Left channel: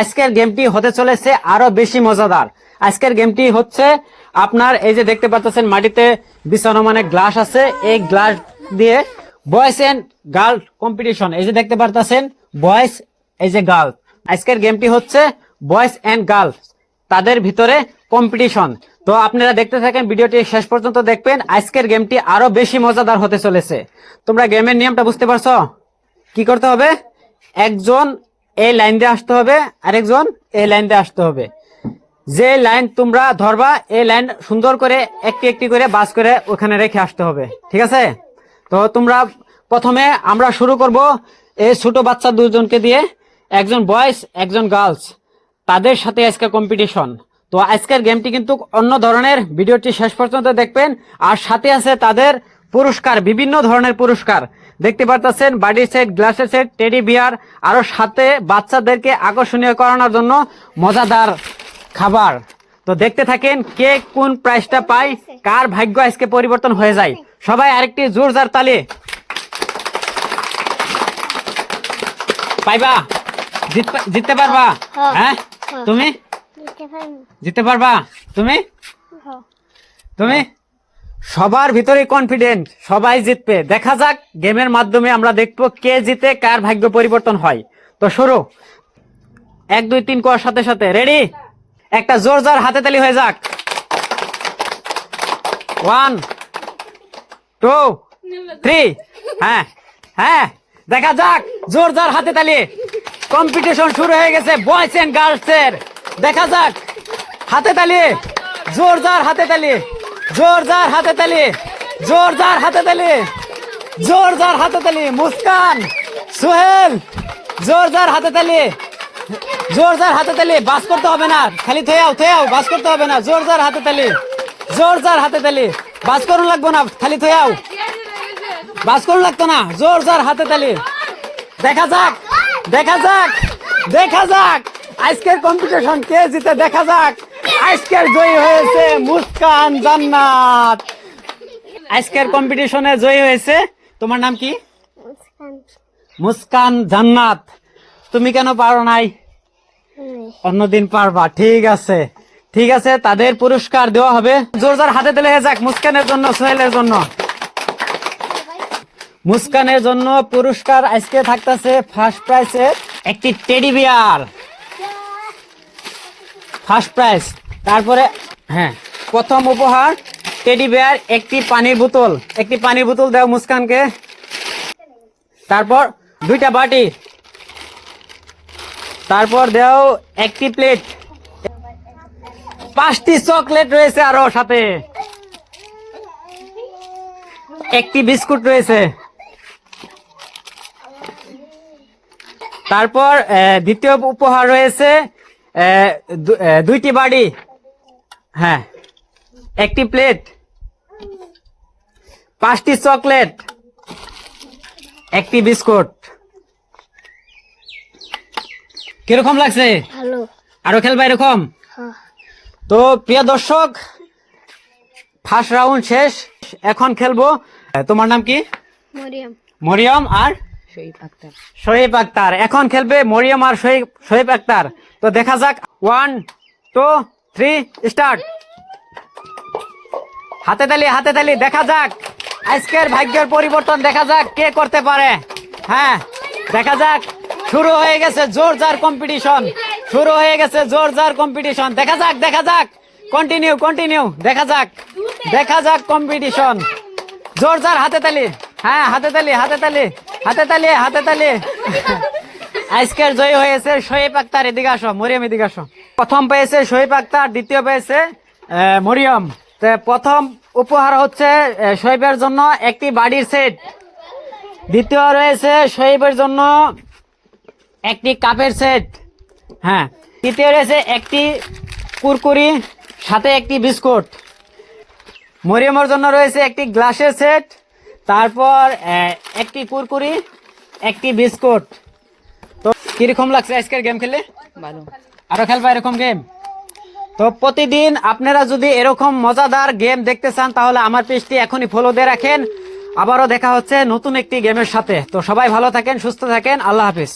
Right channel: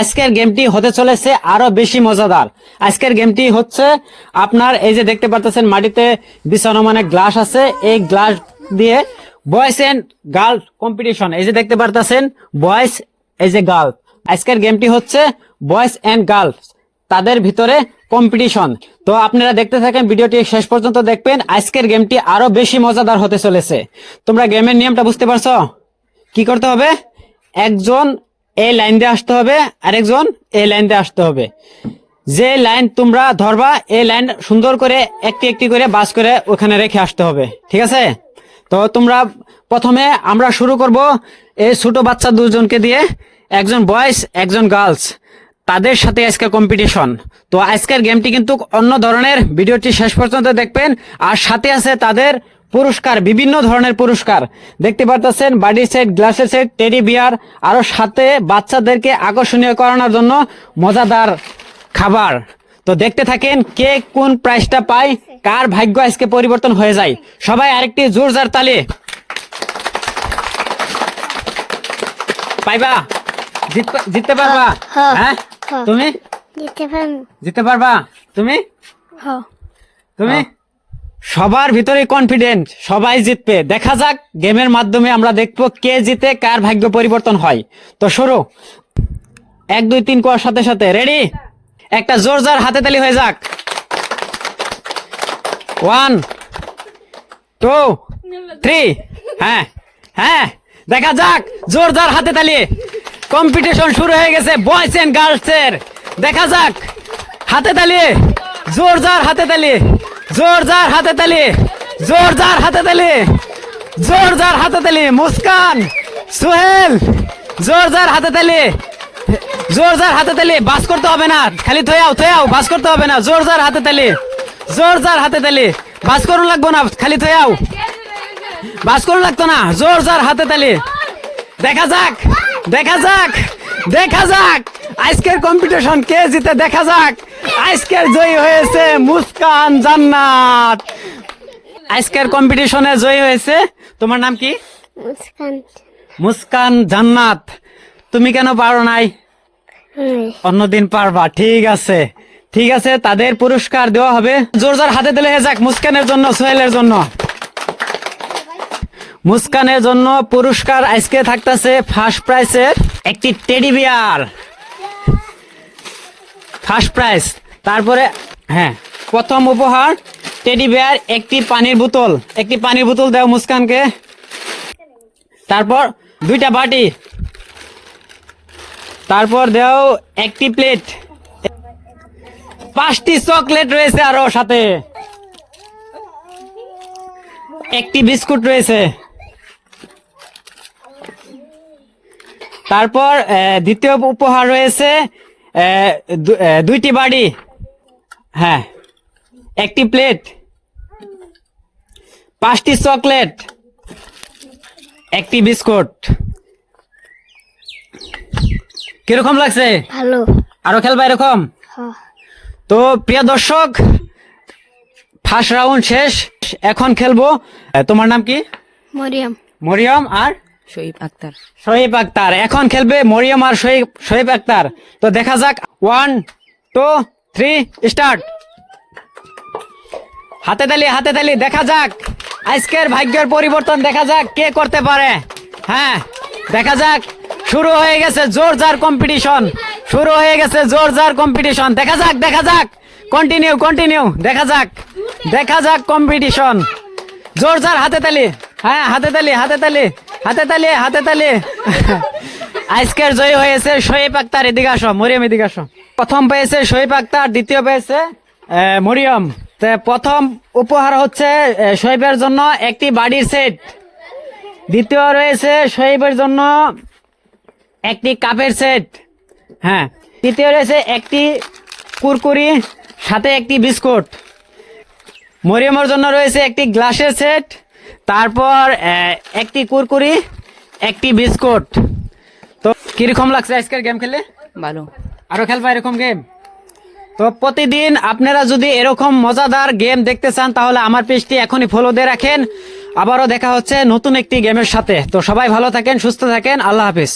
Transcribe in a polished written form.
আজকের গেমটি হতে চলেছে আরো বেশি মজাদার। আজকের গেমটি হচ্ছে আপনার এই যে দেখতে পাচ্ছেন মাটিতে বিছানো মানে গ্লাস আছে, এই গ্লাস দিয়ে বয়েজ এন্ড গার্ল কম্পিটিশন। এই যে দেখতে পাচ্ছেন বয়েজ, এই যে গার্ল। আজকের গেমটি হচ্ছে বয়েজ এন্ড গার্লস, তাদের ভিতরে কম্পিটিশন। তো আপনারা দেখতে থাকেন, ভিডিওটি শেষ পর্যন্ত দেখবেন। আজকের গেমটি আরো বেশি মজাদার হতে চলেছে। তোমরা গেমের নিয়মটা বুঝতে পারছো? কি করতে হবে? একজন এই লাইন দিয়ে আসতে হবে, আরেকজন এই লাইন দিয়ে আসতে হবে। যে লাইন তোমরা ধরবা এই লাইন সুন্দর করে একটি একটি করে বাস করে ওখানে রেখে আসতে হবে, ঠিক আছে? তো তোমরা প্রথমে আমরা শুরু করব এই ছোট বাচ্চা দুজনকে দিয়ে, একজন বয়েজ একজন গার্লস, তাদের সাথে আজকে কম্পিটিশন। তো আজকের গেমটি কিন্তু অন্য ধরনের, ভিডিওটি শেষ পর্যন্ত দেখবেন। আর সাথে আছে তাদের পুরস্কার, বিভিন্ন ধরনের পুরস্কার দেখতে পাচ্ছেন, বাডি সেট, গ্লাসের সেট, টেডি বিয়ার, আরো সাথে বাচ্চাদেরকে আকর্ষণীয় করানোর জন্য মজাদার খাবার। তো দেখতে থাকেন কে কোন প্রাইজটা পায়, কার ভাগ্য আজকে পরিবর্তন হয়ে যায়। সবাই আরেকটি জোরদার তালি। পাইবা? জিততে পারবা? হ্যাঁ তুমি জিততে পারবা? তুমি তুমি সবার ভিতরে কনফিডেন্ট, সবাই জিতবে। দেখা যাক, গেমের মাধ্যমে আমরা দেখবো কে জিতে, কার ভাগ্য পরিবর্তন হয়। তো শুরু, 1 2 3 করার সাথে সাথে রেডি। একটা জোরদার হাতে তালি হয়ে যাক। 1 2 3। হ্যাঁ হ্যাঁ, দেখা যাক, জোরদার হাতে তালি। কম্পিটিশন শুরু হয়ে গেছে বয়েজ এন্ড গার্লস এর। দেখা যাক, হাতে তালি, জোরদার হাতে তালি, জোরদার হাতে তালি, জোরদার হাতে তালি, জোরদার হাতে তালি। মুস্কান, সোহেল, জোরদার হাতে তালি, জোরদার হাতে তালি। বাস করতে হবে না, খালি থয়াও, বাস করতে হবে না। জোরদার হাতে তালি, জোরদার হাতে তালি। বাস করুন লাগবো না, খালি থয়াও, বাস করুন লাগতো না। জোরদার হাতে তালি। দেখা যাক, দেখা যাক, দেখা যাক আজকের কম্পিটিশন কে জিতে। দেখা যাক, আজকের জয়ী হয়েছে মুস্কান জান্নাত। আজকের কম্পিটিশনে জয়ী হয়েছে। তোমার নাম কি? মুস্কান জান্নাত। তুমি কেন পারো নাই? অন্যদিন পারবা। ঠিক আছে, ঠিক আছে, তাদের পুরস্কার দেওয়া হবে। জোরদার হাতে তালি হয়ে যাক মুস্কানের জন্য, সোহেলের জন্য। মুস্কানের জন্য পুরস্কার আজকে থাকতেছে ফার্স্ট প্রাইজে একটি টেডি বিয়ার, ফার্স্ট প্রাইজ। তারপরে হ্যাঁ, প্রথম উপহার টেডি বিয়ার, একটি পানির বোতল। একটি পানির বোতল দাও মুস্কানকে। তারপর 2টা বাটি। তারপর দাও একটি প্লেট। 5টি চকলেট রয়েছে, আরো সাথে একটি বিস্কুট রয়েছে। তারপর দ্বিতীয় উপহার রয়েছে 2টি বাটি, হ্যাঁ, একটি প্লেট, 5টি চকলেট, একটি বিস্কুট। কিরকম লাগছে? ভালো। আরো খেলবা এরকম? তো প্রিয় দর্শক, ফার্স্ট রাউন্ড শেষ, এখন খেলবো। তোমার নাম কি? মরিয়ম। মরিয়ম আর শহীদ আক্তার। শহীদ আক্তার। এখন খেলবে মরিয়ম আর শহীদ আক্তার। তো দেখা যাক, 1 2 3 স্টার্ট। হাতে তালি, হাতে তালি। দেখা যাক আজকের ভাগ্যের পরিবর্তন, দেখা যাক কে করতে পারে। হ্যাঁ, দেখা যাক, শুরু হয়ে গেছে জোরদার কম্পিটিশন, শুরু হয়ে গেছে জোরদার কম্পিটিশন। দেখা যাক, দেখা যাক, কন্টিনিউ কন্টিনিউ। দেখা যাক, দেখা যাক কম্পিটিশন। জোরদার হাতে তালি। হ্যাঁ, হাতে তালি, হাতে তালি, হাতে তালি, হাতে তালি। আজকের জয়ী হয়েছে শহীদ আক্তার। এদিকে আসো মরিয়ম, এদিকে আসো। প্রথম পেয়েছে শহীদ আক্তার, দ্বিতীয় পেয়েছে মরিয়ম। প্রথম উপহার হচ্ছে শহীদের জন্য একটি বাড়ির সেট। দ্বিতীয় রয়েছে শহীদের জন্য একটি কাপের সেট। হ্যাঁ, তৃতীয় রয়েছে একটি কুরকুরি, সাথে একটি বিস্কুট। মরিয়মের জন্য রয়েছে একটি গ্লাসের সেট, তারপর একটি কুরকুরি, একটি বিস্কুট। তো কিরকম লাগছে আজকের গেম খেলে? ভালো। আরো খেলবা এরকম গেম? তো প্রতিদিন আপনারা যদি এরকম মজাদার গেম দেখতে চান, তাহলে আমার পেজটি এখনই ফলো দিয়ে রাখেন। আবারও দেখা হচ্ছে নতুন একটি গেমের সাথে। তো সবাই ভালো থাকেন, সুস্থ থাকেন, আল্লাহ হাফিজ।